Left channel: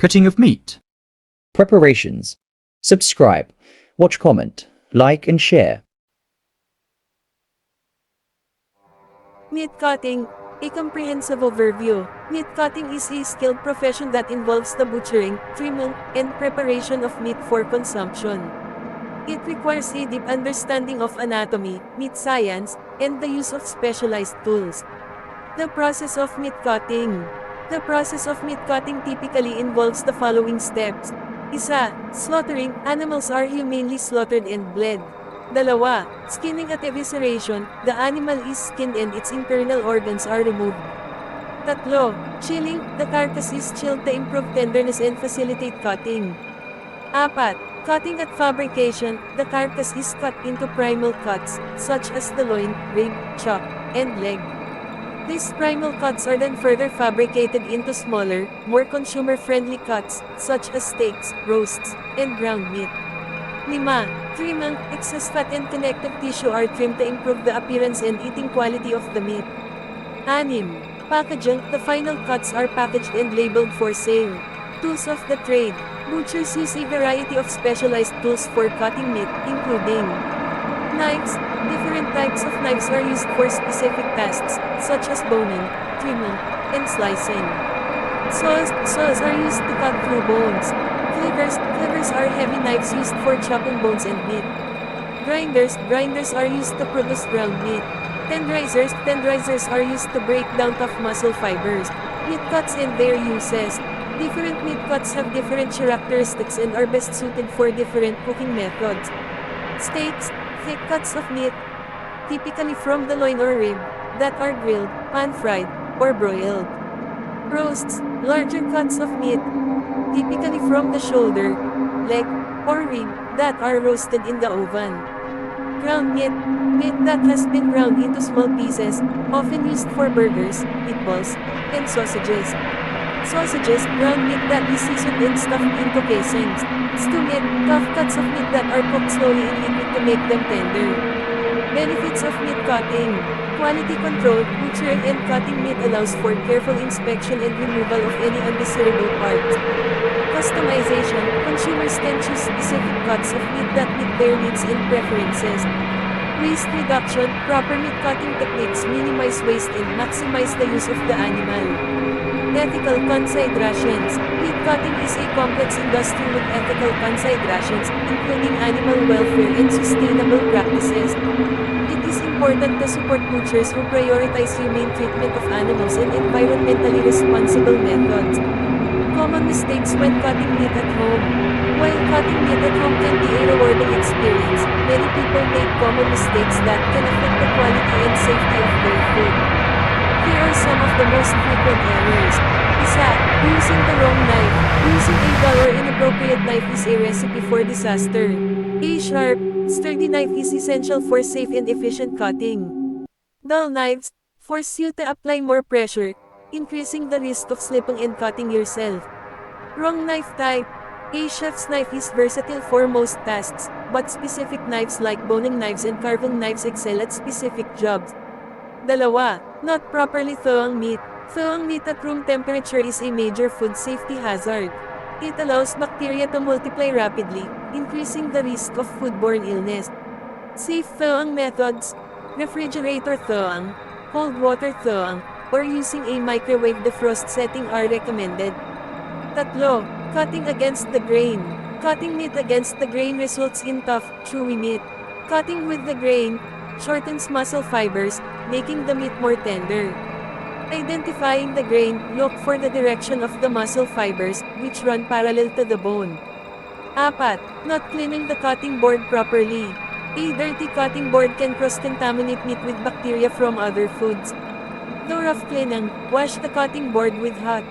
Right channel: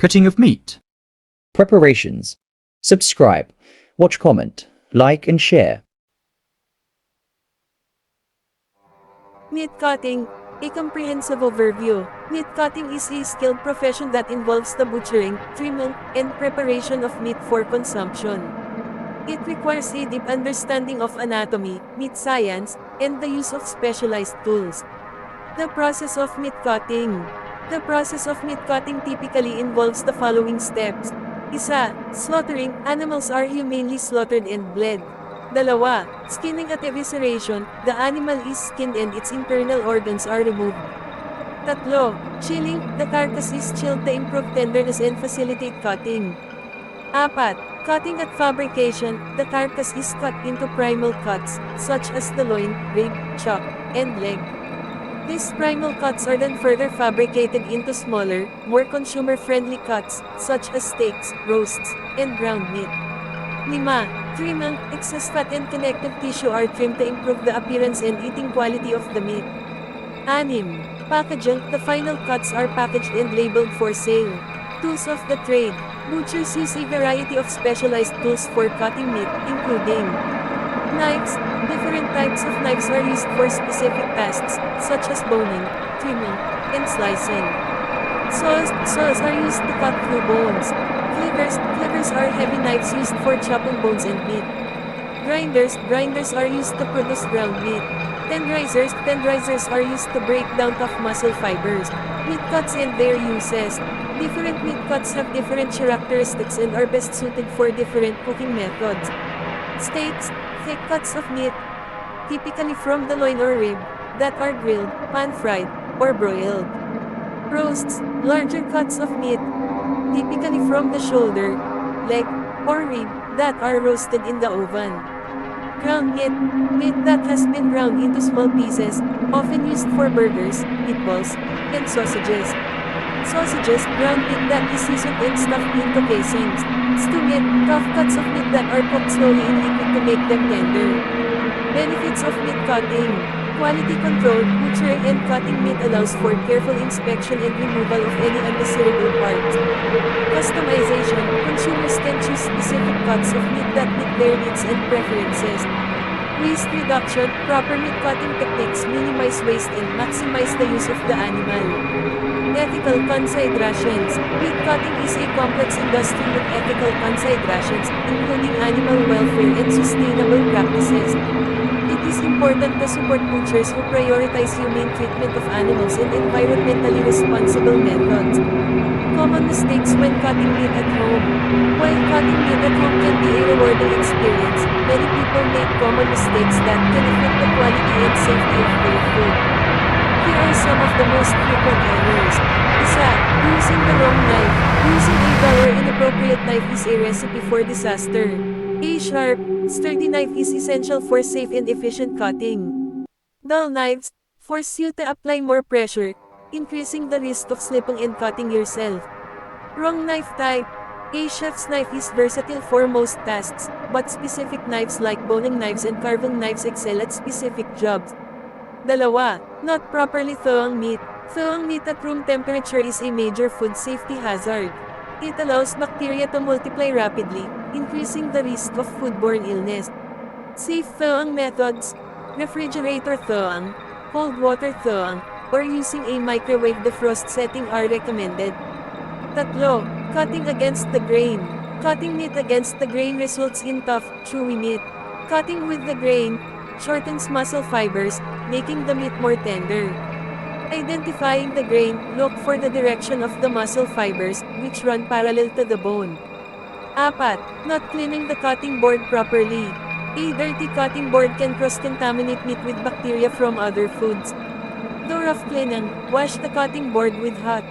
Cutting of meat. Preparations. Subscribe, watch, comment, like and share. Meat cutting, a comprehensive overview. Meat cutting is a skilled profession that involves the butchering, trimming, and preparation of meat for consumption. It requires a deep understanding of anatomy, meat science, and the use of specialized tools. The process of meat cutting. The process of meat cutting typically involves the following steps. Isa, slaughtering. Animals are humanely slaughtered and bled. Dalawa, skinning at evisceration. The animal is skinned and its internal organs are removed. Tatlo, chilling. The carcass is chilled to improve tenderness and facilitate cutting. Apat, cutting at fabrication. The carcass is cut into primal cuts, such as the loin, rib, chuck, and leg. These primal cuts are then further fabricated into smaller, more consumer-friendly cuts, such as steaks, roasts, and ground meat. 5. Trimming. Excess fat and connective tissue are trimmed to improve the appearance and eating quality of the meat. 6. Packaging. The final cuts are packaged and labeled for sale. Tools of the trade. Butchers use a variety of specialized tools for cutting meat, including knives. Different types of knives are used for specific tasks, such as boning, trimming, and slicing. Saws. Saws are used to cut through bones. Cleavers. Cleavers are heavy knives used for chopping bones and meat. Grinders. Grinders are used to produce ground meat. Tenderizers. Tenderizers are used to break down tough muscle fibers. Meat cuts and their uses. Different meat cuts have different characteristics and are best suited for different cooking methods. Steaks. Thick cuts of meat, typically from the loin or rib, that are grilled, pan-fried, or broiled. Roasts. Larger cuts of meat, typically from the shoulder, leg, or rib, that are roasted in the oven. Ground meat. Meat that has been ground into small pieces, often used for burgers, meatballs, and sausages. Sausages. Ground meat that is seasoned and stuffed into casings. Stew meat. Tough cuts of meat that are cooked slowly in liquid to make them tender. Benefits of meat cutting. Quality control. Butchering and cutting meat allows for careful inspection and removal of any undesirable parts. Customization. Consumers can choose specific cuts of meat that meet their needs and preferences. Waste reduction. Proper meat cutting techniques minimize waste and maximize the use of the animal. Ethical considerations. Meat cutting is a complex industry with ethical considerations, including animal welfare and sustainable practices. It is important to support butchers who prioritize humane treatment of animals and environmentally responsible methods. Common mistakes when cutting meat at home. While cutting meat at home can be a rewarding experience, many people make common mistakes that can affect the quality and safety of their food. Here are some of the most frequent errors. Isa, using the wrong knife. Using a dull or inappropriate knife is a recipe for disaster. A sharp, sturdy knife is essential for safe and efficient cutting. Dull knives force you to apply more pressure, increasing the risk of slipping and cutting yourself. Wrong knife type. A chef's knife is versatile for most tasks, but specific knives like boning knives and carving knives excel at specific jobs. Dalawa, not properly thawing meat. Thawing meat at room temperature is a major food safety hazard. It allows bacteria to multiply rapidly, increasing the risk of foodborne illness. Safe thawing methods. Refrigerator thawing, cold water thawing, or using a microwave defrost setting are recommended. Tatlo, cutting against the grain. Cutting meat against the grain results in tough, chewy meat. Cutting with the grain shortens muscle fibers, making the meat more tender. Identifying the grain, look for the direction of the muscle fibers, which run parallel to the bone. Apat, not cleaning the cutting board properly. A dirty cutting board can cross-contaminate meat with bacteria from other foods. Though rough cleaning, wash the cutting board with hot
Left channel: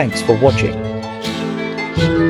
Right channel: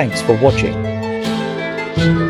Thanks for watching.